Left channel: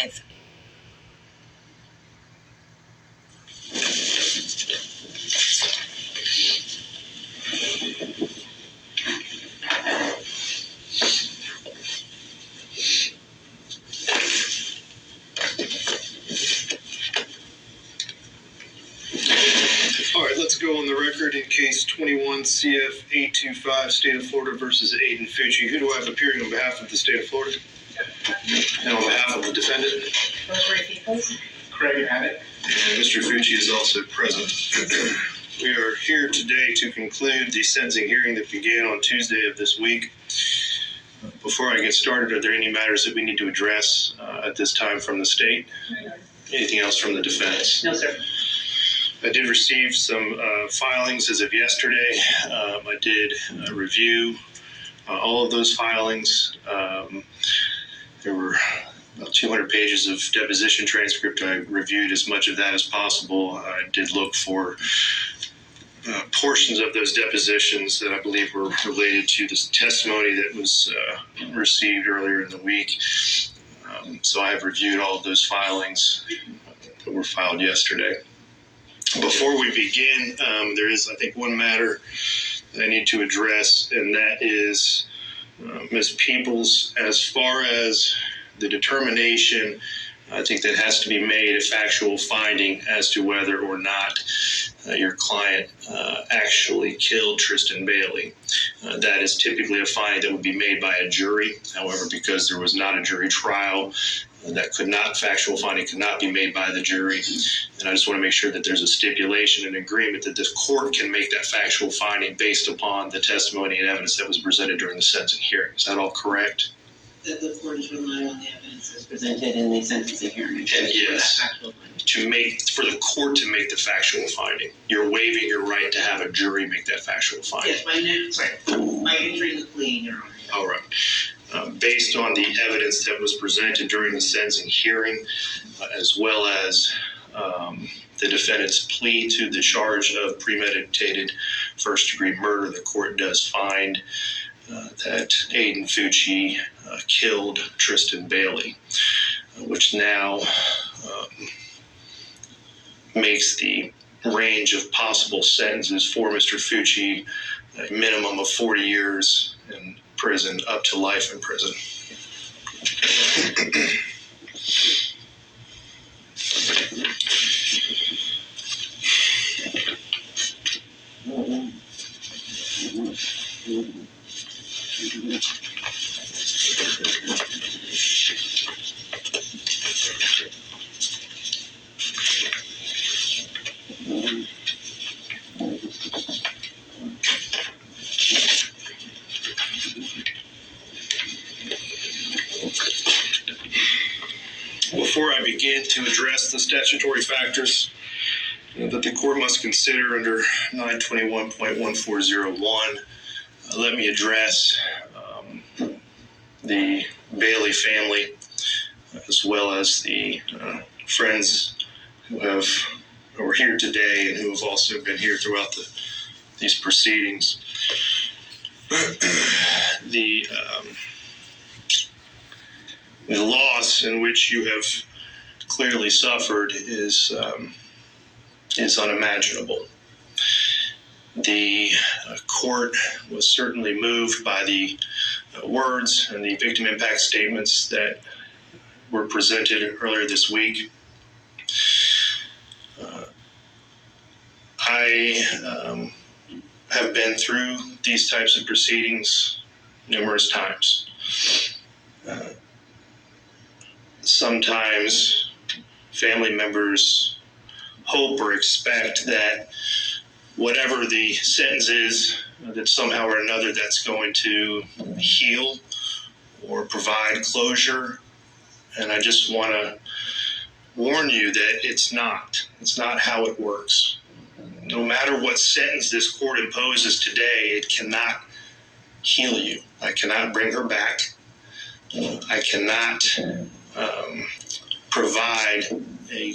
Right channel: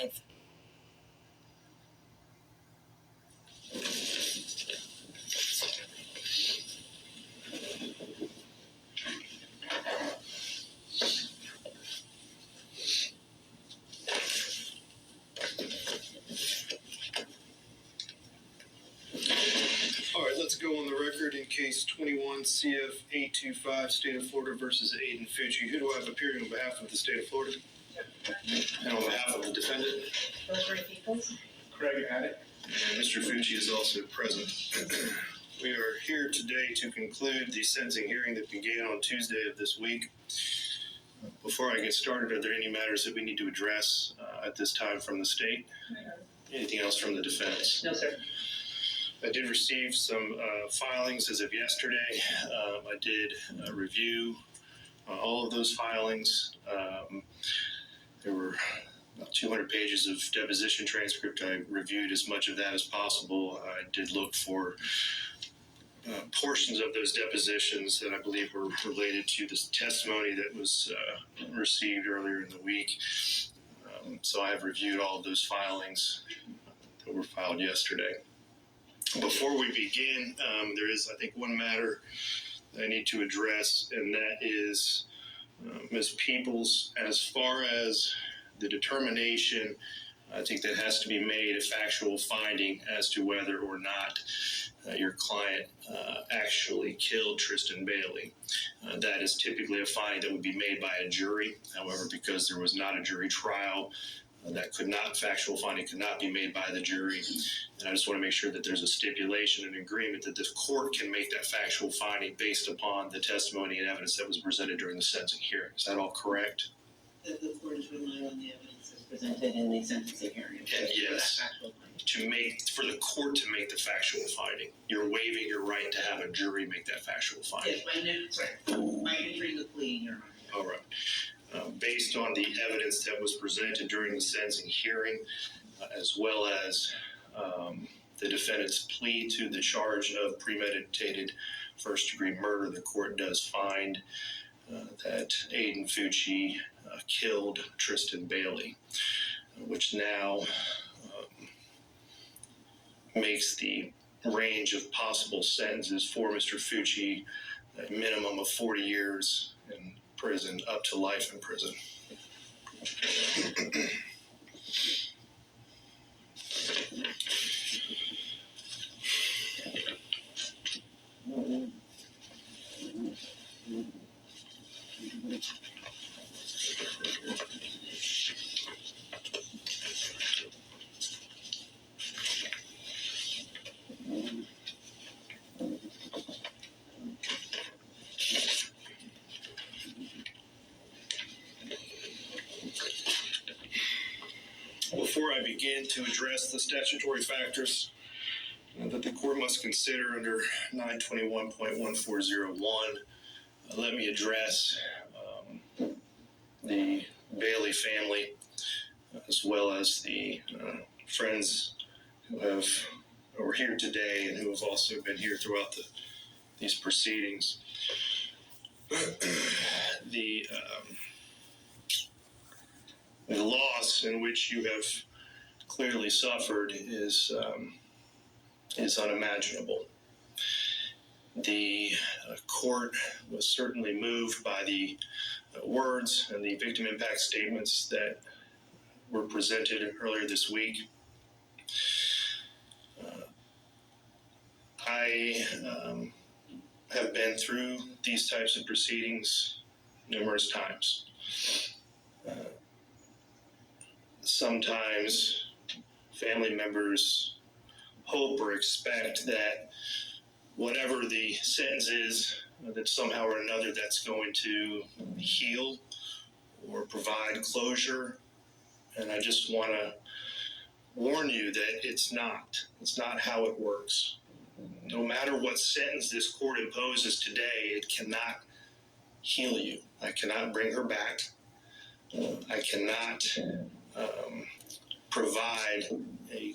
live. All right, let's go on the record in case 21 CF 825, State of Florida versus Aiden Fucci. Who do I have appearing on behalf of the State of Florida? And on behalf of the defendant? Craig Abbott. And Mr. Fucci is also present. We are here today to conclude the sentencing hearing that began on Tuesday of this week. Before I get started, are there any matters that we need to address at this time from the state? Anything else from the defense? No, sir. I did receive some filings as of yesterday. I did review all of those filings. There were about 200 pages of deposition transcript. I reviewed as much of that as possible. I did look for portions of those depositions that I believe were related to this testimony that was received earlier in the week. So I have reviewed all of those filings that were filed yesterday. Before we begin, there is, I think, one matter that I need to address, and that is Ms. Peoples. As far as the determination, I think that has to be made a factual finding as to whether or not your client actually killed Tristan Bailey. That is typically a finding that would be made by a jury. However, because there was not a jury trial, factual finding could not be made by the jury. And I just want to make sure that there's a stipulation and agreement that this court can make that factual finding based upon the testimony and evidence that was presented during the sentencing hearing. Is that all correct? That the court is relying on the evidence as presented in the sentencing hearing. And yes, for the court to make the factual finding. You're waiving your right to have a jury make that factual finding. Yes, by entering the plea, Your Honor. All right. Based on the evidence that was presented during the sentencing hearing, as well as the defendant's plea to the charge of premeditated first-degree murder, the court does find that Aiden Fucci killed Tristan Bailey, which now makes the range of possible sentences for Mr. Fucci a minimum of 40 years in prison up to life in prison. Before I begin to address the statutory factors that the court must consider under 921.1401, let me address the Bailey family, as well as the friends who are here today and who have also been here throughout these proceedings. The loss in which you have clearly suffered is unimaginable. The court was certainly moved by the words and the victim impact statements that were presented earlier this week. I have been through these types of proceedings numerous times. Sometimes family members hope or expect that whatever the sentence is, that somehow or another that's going to heal or provide closure. And I just want to warn you that it's not how it works. No matter what sentence this court imposes today, it cannot heal you. I cannot bring her back. I cannot provide a